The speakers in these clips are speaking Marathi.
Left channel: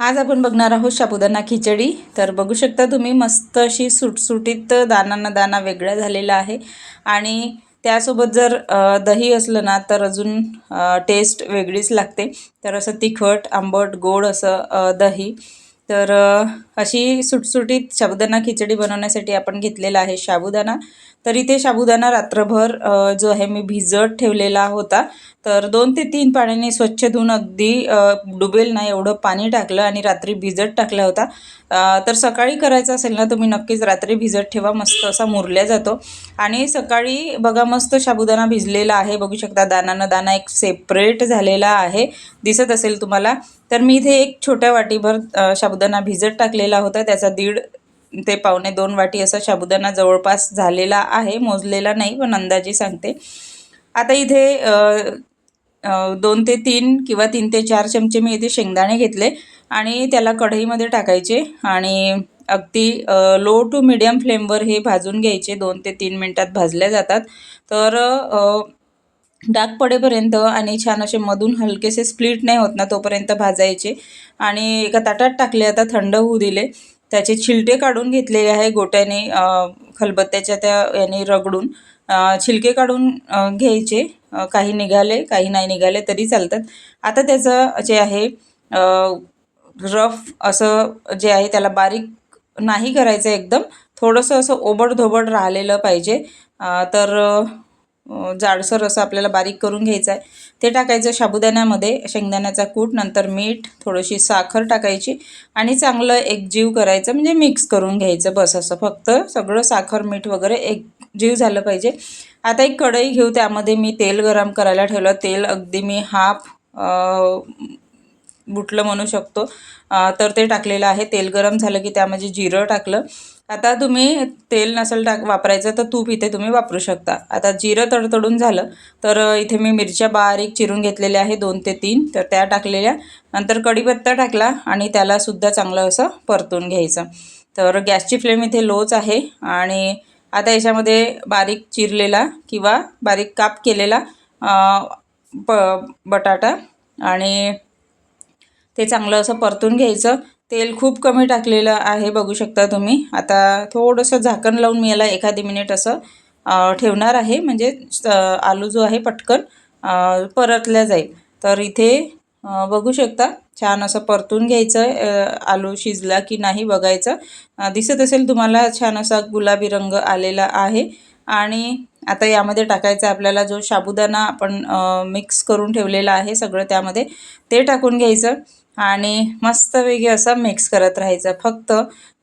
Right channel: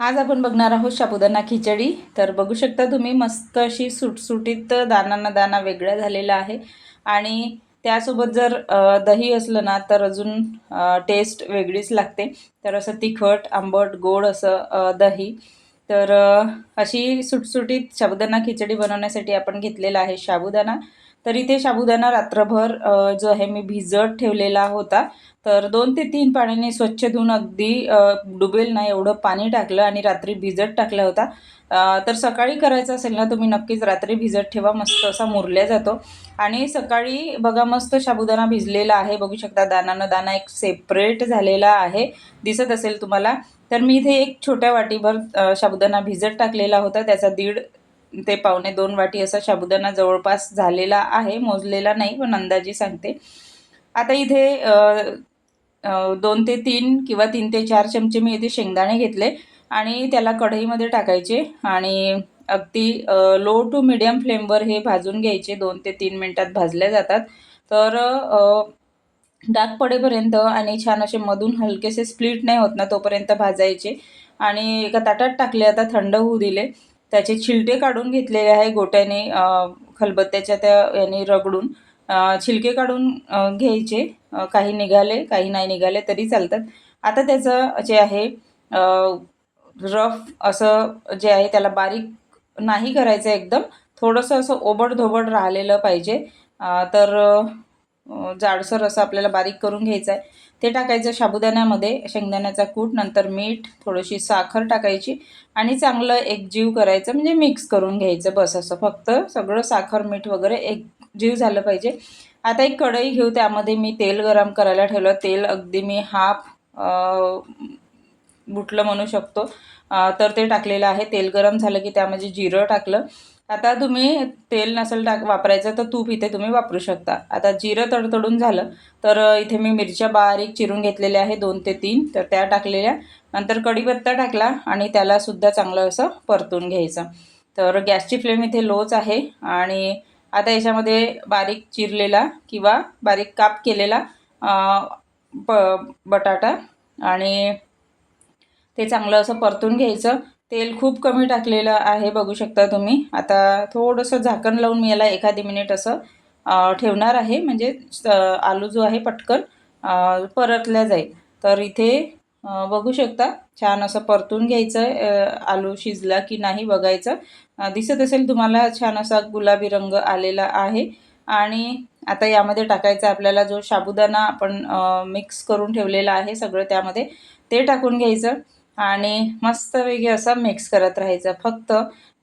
आज आपण बघणार आहोत शापुदाना खिचडी. तर बघू शकता तुम्ही मस्त अशी सुटसुटीत दानांना दाना वेगळा झालेला आहे. आणि त्यासोबत जर दही असलं ना तर अजून टेस्ट वेगळीच लागते. तर असं तिखट आंबट गोड असं दही. तर अशी सुटसुटीत साबुदाणा खिचडी बनवण्यासाठी आपण घेतलेला आहे साबुदाणा. तर इथे साबुदाणा रात्रभर जो आहे मी भिजत ठेवलेला होता. तर दोन ते तीन पाण्याने स्वच्छ धुवून अगदी डुबेल नाही एवढं पाणी टाकलं आणि रात्री भिजत टाकला होता. तर सकाळी करायचं असेल ना तुम्ही नक्कीच रात्री भिजत ठेवा मस्त असा मुरल्या जातो. आणि सकाळी बघा मस्त साबुदाणा भिजलेला आहे. बघू शकता दानानं दाना एक सेपरेट झालेला आहे. दिसत असेल तुम्हाला. तर मी इथे एक छोट्या वाटीभर अ, साबुदाणा भिजत टाकलेला होता. त्याचा दीड ते पावणे दोन वाटी असा साबुदाणा जवळपास झालेला आहे. मोजलेला नाही पण अंदाजे सांगते. आता इथे दोन ते तीन किंवा तीन ते चार चमचे मी इथे शेंगदाणे घेतले आणि त्याला कढईमध्ये टाकायचे आणि अगदी लो टू मिडियम फ्लेमवर हे भाजून घ्यायचे. दोन ते तीन मिनटात भाजल्या जातात. तर डाग पडेपर्यंत आणि छान असे मधून हलकेसे स्प्लिट नाही होत ना तोपर्यंत भाजायचे. आणि एका ताटात टाकले आता थंड होऊ दिले. त्याचे छिलटे काढून घेतलेले आहे गोट्याने खलबत्त्याच्या त्या याने रगडून. छिलके काढून घ्यायचे. काही निघाले काही नाही निघाले तरी चालतात. आता त्याचं जे आहे रफ असं जे आहे त्याला बारीक नाही करायचं एकदम. थोडंसं असं ओबडधोबड राहिलेलं पाहिजे. तर जाडसर असं आपल्याला बारीक करून घ्यायचं आहे. ते टाकायचं साबुदाण्यामध्ये शेंगदाण्याचा कूट नंतर मीठ थोडीशी साखर टाकायची आणि चांगलं एकजीव करायचं म्हणजे मिक्स करून घ्यायचं बस असं. फक्त सगळं साखर मीठ वगैरे एकजीव झालं पाहिजे. आता एक कढई घेऊ त्यामध्ये मी तेल गरम करायला ठेवलं. तेल अगदी मी हाफ बुटलं म्हणू शकतो. तर ते टाकलेलं आहे. तेल गरम झालं की त्यामध्ये जिरं टाकलं. आता तुम्ही तेल नसेल टाक वापरायचं तर तूप इथे तुम्ही वापरू शकता. आता जिरं तडतडून झालं तर इथे मी मिरच्या बारीक चिरून घेतलेल्या आहे दोन ते तीन. तर त्या टाकलेल्या. नंतर कढीपत्ता टाकला आणि त्यालासुद्धा चांगलं असं परतून घ्यायचं. तर गॅसची फ्लेम इथे लोच आहे आणि आता याच्यामध्ये बारीक चिरलेला किंवा बारीक काप केलेला प बटाटा आणि ते चांगलं असं परतून घ्यायचं. तेल खूप कमी टाकलेलं आहे बघू शकता तुम्ही. आता थोडंसं झाकण लावून मी याला एखादी मिनिट असं ठेवणार आहे. म्हणजे आलू जो आहे पटकन परतल्या जाईल. तर इथे बघू शकता छान असं परतून घ्यायचं आलू शिजला की नाही बघायचं. दिसत असेल तुम्हाला छान असा गुलाबी रंग आलेला आहे. आणि आता यामध्ये टाकायचा आपल्याला जो साबुदाणा आपण मिक्स करून ठेवलेला आहे सगळं त्यामध्ये ते टाकून घ्यायचं. आणि मस्तपैकी असा मिक्स करत राहायचा. फक्त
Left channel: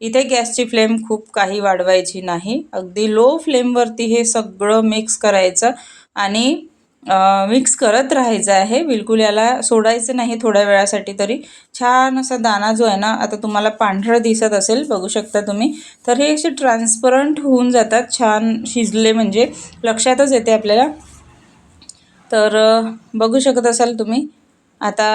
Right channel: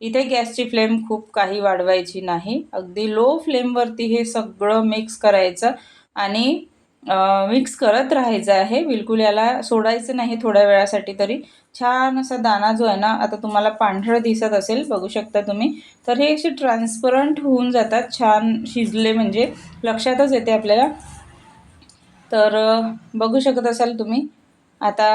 इथे गॅसची फ्लेम खूप काही वाढवायची नाही. अगदी लो फ्लेमवरती हे सगळं मिक्स करायचं आणि मिक्स करत राहायचं आहे. बिलकुल याला सोडायचं नाही थोड्या वेळासाठी तरी. छान असा दाणा जो आहे ना आता तुम्हाला पांढरं दिसत असेल बघू शकता तुम्ही. तर हे असे ट्रान्सपरंट होऊन जातात. छान शिजले म्हणजे लक्षातच येते आपल्याला. तर बघू शकत असाल तुम्ही. आता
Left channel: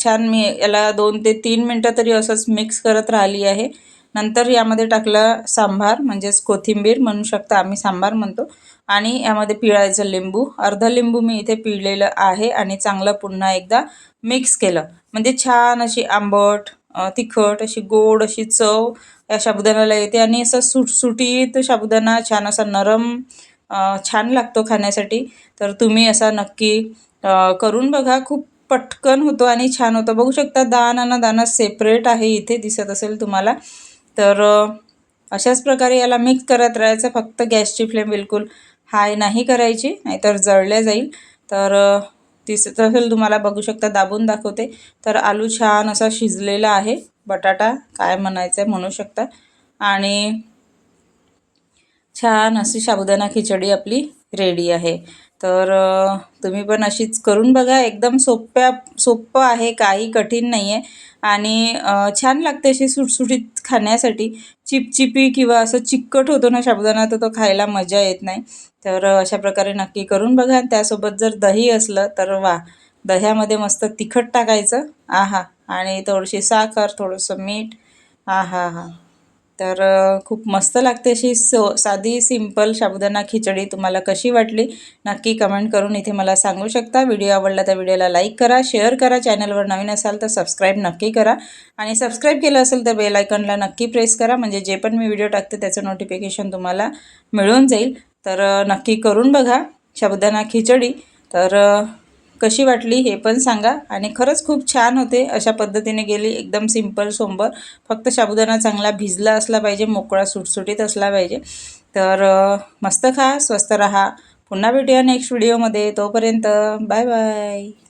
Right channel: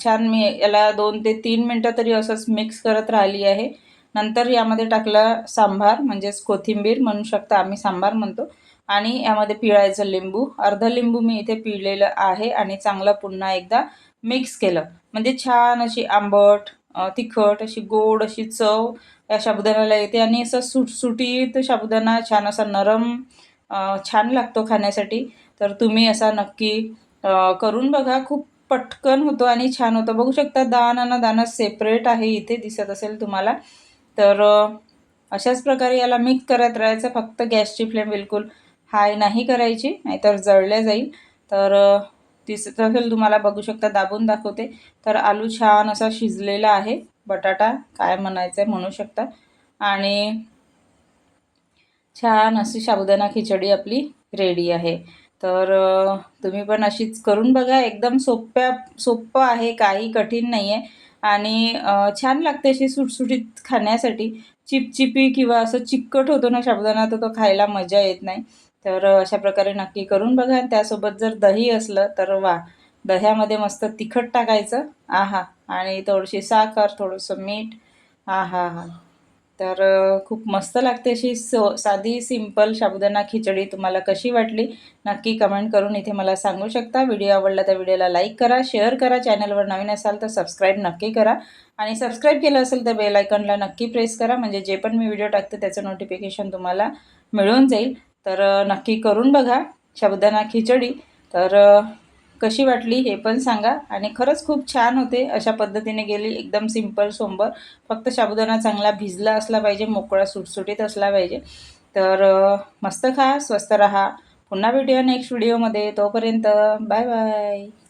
छान मी याला दोन ते तीन मिनटं तरी असंच मिक्स करत राहिली आहे. नंतर यामध्ये टाकलं सांबार म्हणजेच कोथिंबीर म्हणू शकता आम्ही सांबार म्हणतो. आणि यामध्ये पिळायचं लिंबू. अर्ध लिंबू मी इथे पिळलेलं आहे आणि चांगलं पुन्हा एकदा मिक्स केलं. म्हणजे छान अशी आंबट तिखट अशी गोड अशी चव या साबुदाण्याला येते. आणि असं सुटसुटीत साबुदाणा छान असा नरम छान लागतो खाण्यासाठी. तर तुम्ही असा नक्की करून बघा. खूप पटकन होतो आणि छान होतं. बघू शकता दाना ना दाना सेपरेट आहे इथे दिसत असेल तुम्हाला. तर अशाच प्रकारे याला मिक्स करत राहायचं. फक्त गॅसची फ्लेम बिलकुल हाय नाही करायची नाहीतर जळल्या जाईल. तर दिसत असेल तुम्हाला बघू शकता दाबून दाखवते. तर आलू छान असा शिजलेला आहे. बटाटा काय म्हणायचं आहे म्हणू शकता. आणि छान अशी साबुदाणा खिचडी आपली रेडी आहे. तर तुम्ही पण अशीच करून बघा. एकदम सोप्या सोप्पं आहे काही कठीण नाही आहे आणि छान लागते अशी सुटसुटीत खाण्यासाठी. चिपचिपी किंवा असं चिकट होतो ना साबुदाणा तर तो खायला मजा येत नाही. तर अशा प्रकारे नक्की करून बघा. त्यासोबत जर दही असलं तर वा दह्यामध्ये मस्त तिखट टाकायचं. आहा. आणि थोडीशी साखर थोडंसं मीठ. आहा हा तर खूप मस्त लागते अशी सो साधी सिंपल साबुदाणा खिचडी तुम्हाला कशी वाटली नक्की कमेंट करून इथे मला सांगू शकता. व्हिडिओ आवडला तर व्हिडिओला लाईक करा शेअर करा चॅनलवर नवीन असाल तर सबस्क्राईब नक्की करा आणि सबस्क्राईब केलं असेल तर बेल आयकॉनला नक्की प्रेस करा म्हणजे जे पण मी व्हिडिओ टाकते त्याचं नोटिफिकेशन तुम्हाला मिळून जाईल. तर नक्की करून बघा साबुदाणा खिचडी. तर कशी वाटली हे पण सांगा. आणि खरंच खूप छान होते. अशा पद्धतीने गेली. एकदम सिंपल सोंबर. फक्त साबुदाणा चांगला भिजला असला पाहिजे. मोकळा सुटसुटीत असला पाहिजे. तर मस्त खा. स्वस्त रहा. पुन्हा भेटूया नेक्स्ट व्हिडिओमध्ये तोपर्यंत बाय बाय